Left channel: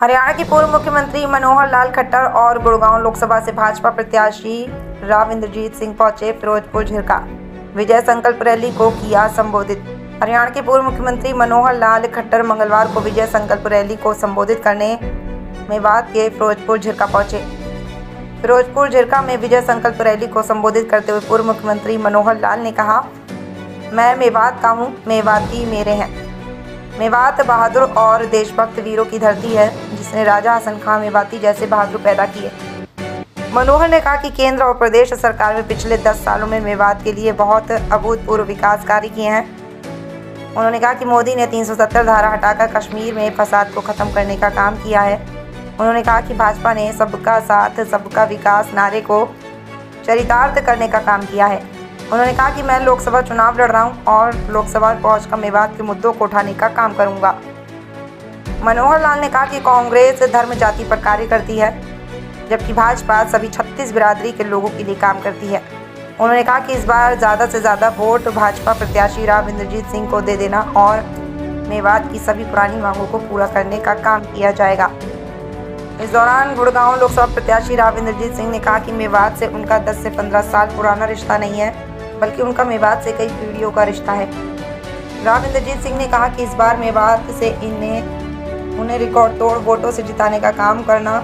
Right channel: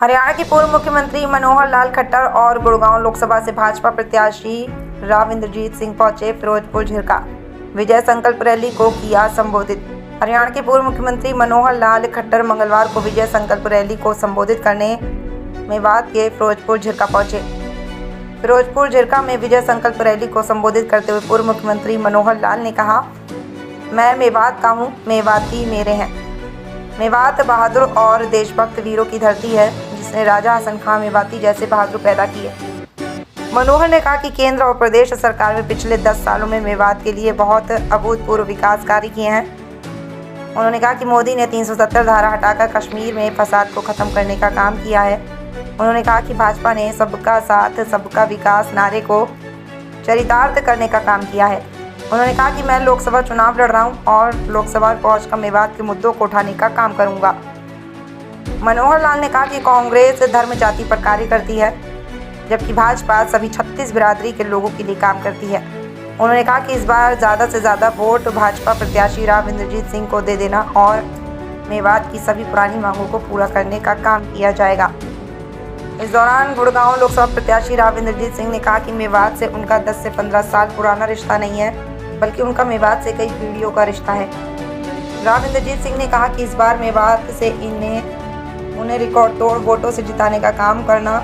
हरियाणा के पूर्व मुख्यमंत्री मनोहर लाल खट्टर और गुड़गांव लोकसभा से भाजपा प्रत्याशी राव इंद्रजीत सिंह पहुंचे फिरोजपुर झिरका। विजय संकल्प रैली को किया संबोधित। हरियाणा के पूर्व मुख्यमंत्री मनोहर लाल खट्टर मंगलवार को विजय संकल्प रैली को संबोधित करने मेवात के फिरोजपुर झिरका पहुंचे। फिरोजपुर झिरका में विजय संकल्प रैली को संबोधित करते हुए पूर्व मुख्यमंत्री मनोहर लाल ने कहा, मैं मेवात का हूँ, मेवाती मेरे हैं। मेवात बहादुर और देशभक्त वीरों की धरती है, जिसने राजा हसन खां मेवाती जैसे बहादुर पैदा किए। मनोहर ने कहा कि केंद्र और प्रदेश सरकार में पिछले 10 सालों में मेवात के लिए बहुत अभूतपूर्व विकास कार्य किए हैं। उन्होंने कहा कि मोदी ने 370 धारा हटाकर कश्मीर में फसाद को खत्म करने का काम किया है। उन्होंने कहा कि भाजपा ने सबका साथ सबका विकास नारे को चरितार्थ करने का काम किया है। उन्होंने कहा कि मैं लोकसभा चुनाव लड़ रहा हूं और लोकसभा पहुंचकर मेवात के मुद्दों को उठाने का काम करूंगा। मनोहर लाल ने कहा कि कांग्रेस धर्म जाति पर कार्य करती है, जबकि भाजपा सभी 36 बिरादरी के लोगों के लिए काम करती है। उन्होंने कहा कि इस बार ज़्यादा से ज़्यादा वोट भाजपा प्रत्याशी राव इंद्रजीत सिंह को दे देना और मेवात की सभी पुरानी मांगों को पूरा करने का काम किया जाएगा। इस दौरान गुड़गांव लोकसभा प्रत्याशी राव इंद्रजीत सिंह ने कहा कि मेवात से उनका 10 से 15 साल पुराना रिश्ता नहीं है, बल्कि उनका मेवात से कई पीढ़ियों का रिश्ता है। राव इंद्रजीत सिंह ने कहा कि इस बार मेवात से उन्हें रिकॉर्ड तोड़ वोटों से जिताने का काम करना,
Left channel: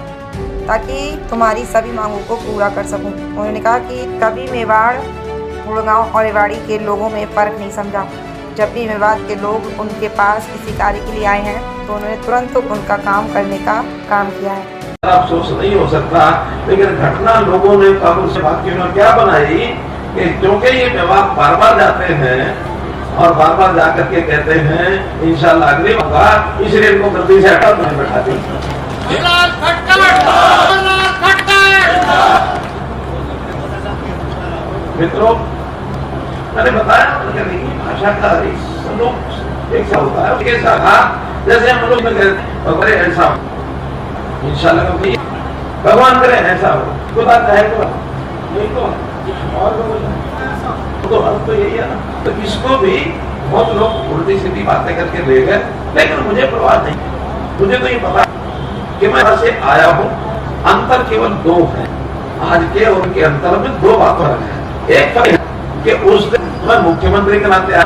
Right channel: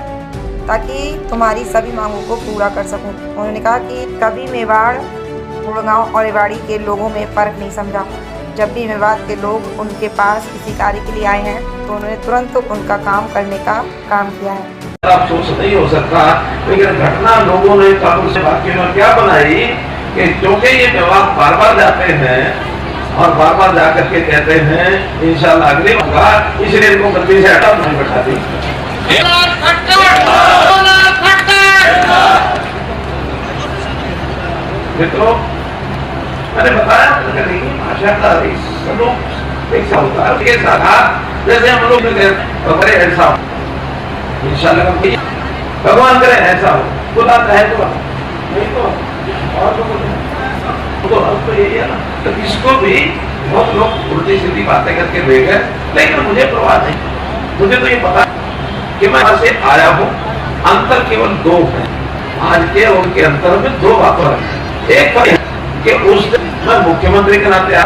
ताकि तुम्हारी सभी मांगों को पूरा कर सकूं। उन्होंने कहा कि कभी मेवाड़, गुड़गांव और रेवाड़ी के लोगों में फ़र्क नहीं समझा। जब भी मेवात के लोग उनके पास किसी कार्य के लिए आए हैं तो उन्होंने तुरंत उनका काम करने का काम किया है। अफसोस नहीं हो सकता, लेकिन घटना लोगों ने कानून से बातचीत में क्या बनाई कि क्योंकि ये मेवात बार बार जाते हैं और बार बार जाकर के कहते हैं इंशाल्लाह अगली होगा, इसलिए इनको गलती से हटा नहीं बैठा दी। मित्रों, मैंने बताया भाषा का एक सा होता है, ऐसा था जैसे हम लोग करे ऐसा इंशाल्लाह भगवान करे ऐसा हो, खुदा चाहे तो नहीं तो अब तो यही है ना। तो इसको भी बहुत लोग उल्टी सीधी बातें करके ले गए, लेकिन मुझे परवाह नहीं। मुझे तो ये पता कि मैं वहां से आया हूँ, अंतर केवल 2 है। आज के और उनके अंतर में 2 बातें हैं। एक तो कि उस दिन मैं मुख्यमंत्री के नाते आया,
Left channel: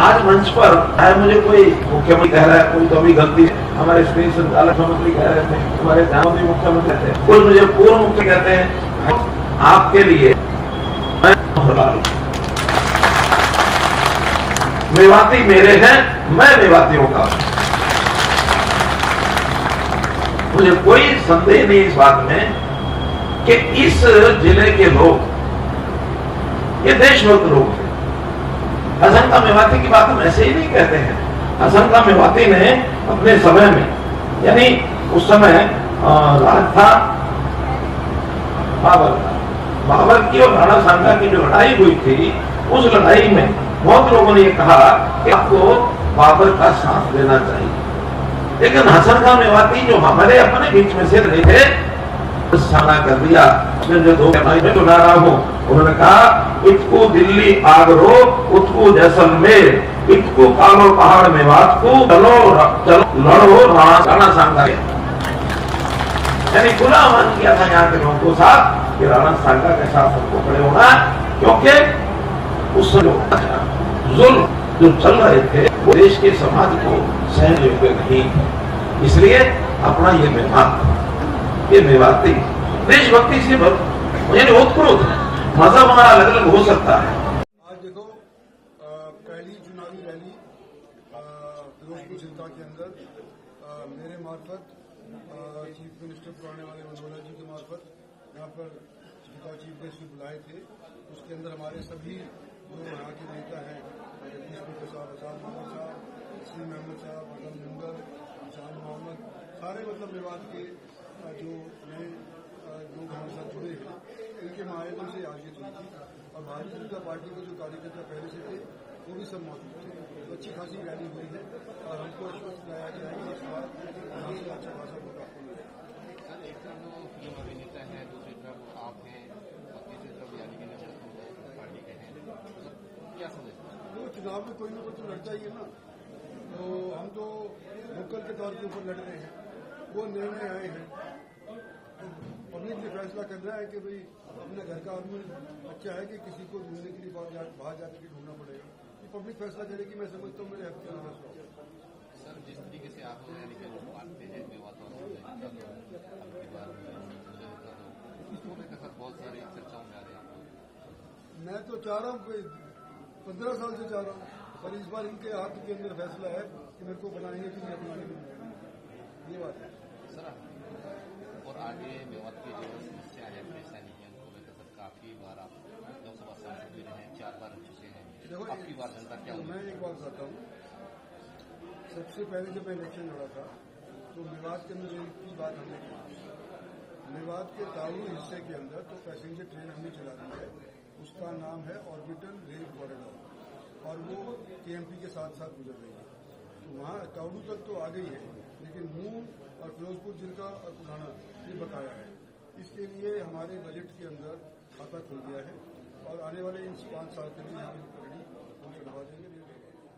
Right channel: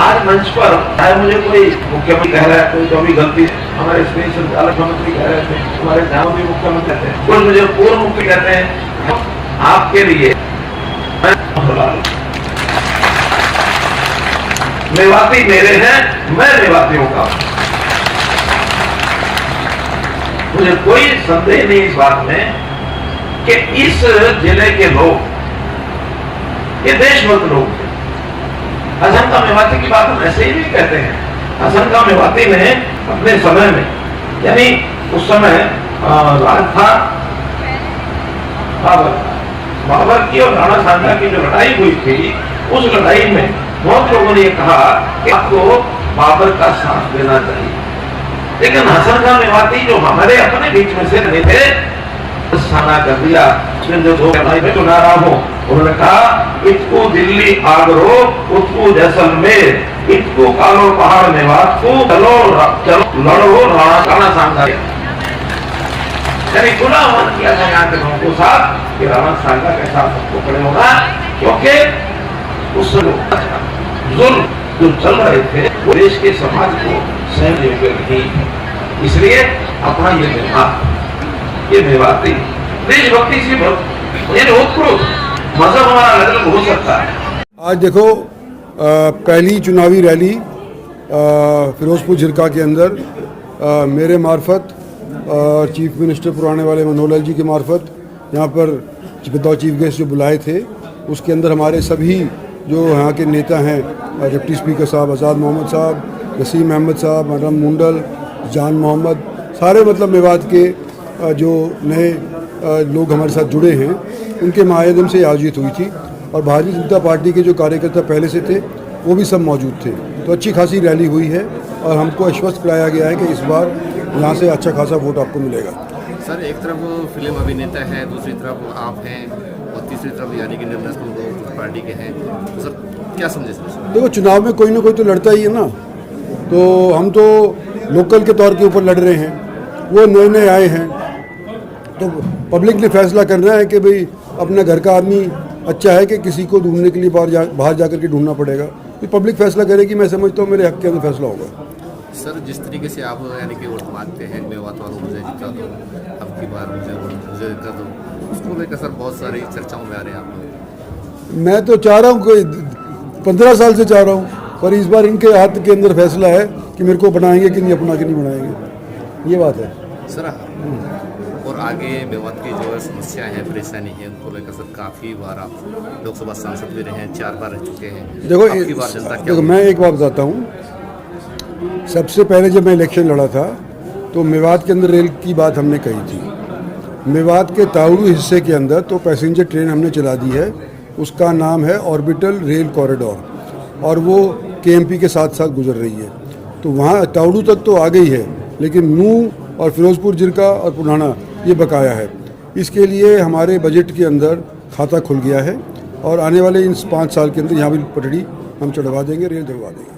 आज मंच पर चाहे मुझे कोई मुख्यमंत्री कह रहा है, कोई कभी गलती हमारे स्पेस संचालक मंत्री कह रहे थे, हमारे भी मुख्यमंत्री कहते हैं, कोई मुझे पूर्व मुख्य कहते हैं, आपके लिए मेवाती मेरे हैं, मैं मेवातियों का। मुझे कोई संदेह नहीं इस बात में कि इस जिले के लोग ये देशभक्त लोग थे। हसन खां मेवाती की बात हम ऐसे ही नहीं कहते हैं। हसन खां मेवाती ने अपने समय में, यानी उस समय राज था बाबर की और राणा सांगा की जो लड़ाई हुई थी, उस लड़ाई में बहुत लोगों ने ये कहा कि आपको बाबर का साथ देना चाहिए, लेकिन हसन खां मेवाती जो हमारे अपने बीच में से नहीं थे, साना कर दिया। जो 2 में सुना रहा हूँ, उन्होंने कहा इतकू दिल्ली आगरो, उतकू जैसलमेर, इतकू कालो पहाड़ मेवात को, चलो चलो लड़ो राणा सांगा। यानी गुना मान किया था यहाँ के लोगों को साथ कि राणा सांगा के साथ सबको खड़े होना, क्योंकि उस जुल्म जो चल रहे थे वो देश के समाज को सहन नहीं, इसलिए अपना ये मेवात, ये मेवाती देशभक्ति से मजहब हमारा अलग अलग हो सकता है। आज देखो पहली चुनावी रैली फिरोजपुर झिरका के अंदर मेरे मार्फत और चीफ मिनिस्टर पुराने वाले मनोहर लाल जी के मार्फत यहाँ पर बतौर चीफ गेस्ट जो बुलाए थे, उसके अंदर हमारे सभी जो यहाँ के नेता हैं, डिप्टी स्पीकर साहब आज़ाद मोहम्मद साहब, वसीम अहमद साहब, मरम मुंडल, जान मोहम्मद, सारे मतलब मेवात के जो नए लोग हमारे साथ जुड़े हैं, उनके माध्यम से आयोजित हुई थी। और भारतीय जनता पार्टी के जो कार्यकर्ता पहले से थे वो भी सब मौजूद थे। तो अच्छी खासी रैली हुई है और हमको आश्वस्त कराया गया है कि इस बार यहाँ से अच्छा खासा वोट आपको मिलेगा। सर, एक तरफ वो फिल्म अभिनेता है, दूसरी तरफ आप हैं और तीसरी तरफ यानी कि नेशनल पार्टी के हैं, तो सर क्या समझे सर? देखो, चुनाव में कोई ना कोई तो लड़ता ही है ना। तो हम तो लोकल के तौर के ऊपर लड़ रहे हैं वो नए नए आए हैं, तो पब्लिक ने फैसला करना है कि भाई अपना घर का आदमी अच्छा है कि किसी को ढूंढने के लिए बाहर जाकर के ढूंढना पड़ेगा। तो पब्लिक फैसला करेगी। मैं समझता हूँ मेरे हक के अंदर फैसला होगा। सर, जिस तरीके से आप यानी कि वोट मांगते हैं, मेवात वालों मुझे जिता दो, अब की बार मुझे जिता दो, उसको लेकर सर बहुत सारी चर्चाओं में आ रहे हैं आप लोग। मैं तो चाह रहा हूँ, कोई 15 साल से चाह रहा हूँ, पर इस बार इनके हाथ के अंदर फैसला है कि मेरे को बनाएंगे कि नहीं अपना के नहीं बनाएंगे, ये बात है सर। और आगे मेवात की जो है समस्या है, परेशानी है, उनको लेकर सर काफ़ी बार आप लोकसभा सांसद भी रहे हैं, 4 बार रह चुके हैं। देखो अब की बार जनता क्या देखो मैं एक बात बताता हूँ। सबसे पहले जब मैं इलेक्शन लड़ा था तो मेवात के अंदर रेल की बात हमने कही थी। मेवात के ताउड़ू हिस्से के अंदर तो पैसेंजर ट्रेन हमने चला दी है, उसका नाम है ऑर्बिटल रेल कॉरिडोर, और वो केएमपी के साथ साथ गुजर रही है। तो वहाँ ताउड़ू तक तो आ गई है, लेकिन नूह और फिरोजपुर जिरका और पुराना ये बकाया है। इसके लिए हमारे बजट के अंदर खाता खुल गया है और आने वाले इन 5 साल के अंदर यहाँ भी पटड़ी हम चढ़वा देंगे, रेल चढ़वा देंगे।